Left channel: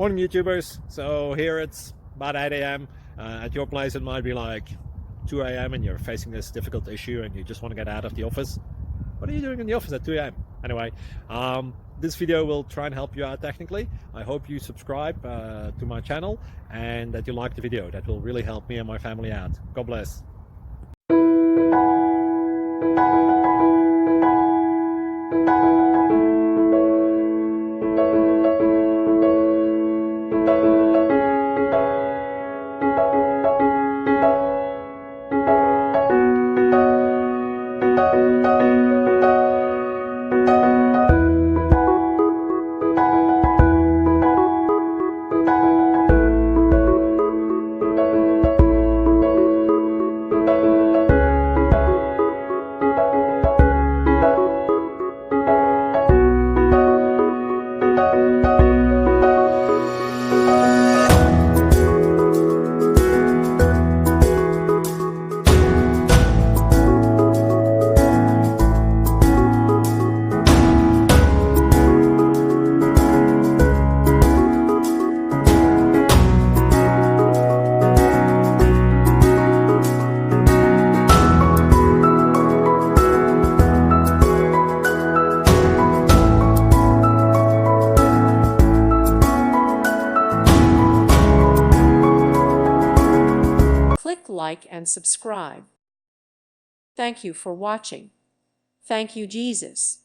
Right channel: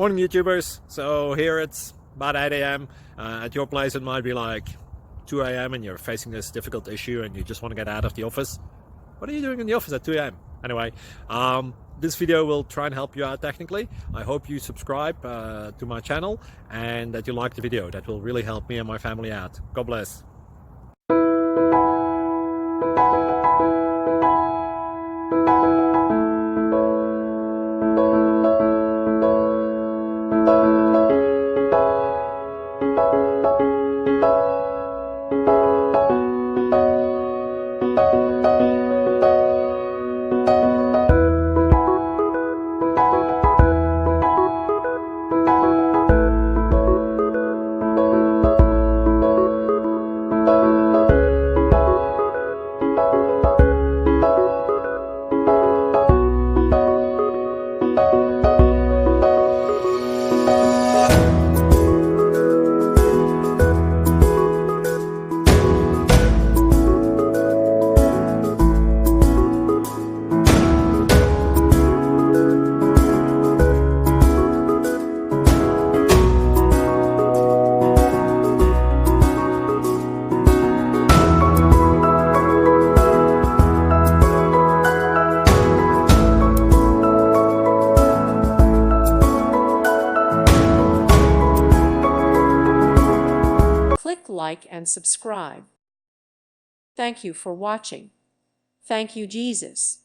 Morning YouTubers. So here it's about 8 a.m. At your place it might be like 2 a.m. and you're facing this difficult issue and you just want to get out of the office. What are you doing in the office at 2 a.m.? Anyway, this video will try and help you out technically. I hope you subscribe to my channel and that you like the video. That will really help me and my family out. God bless. Click like and subscribe. Thank you for watching. Thank you, Jesus.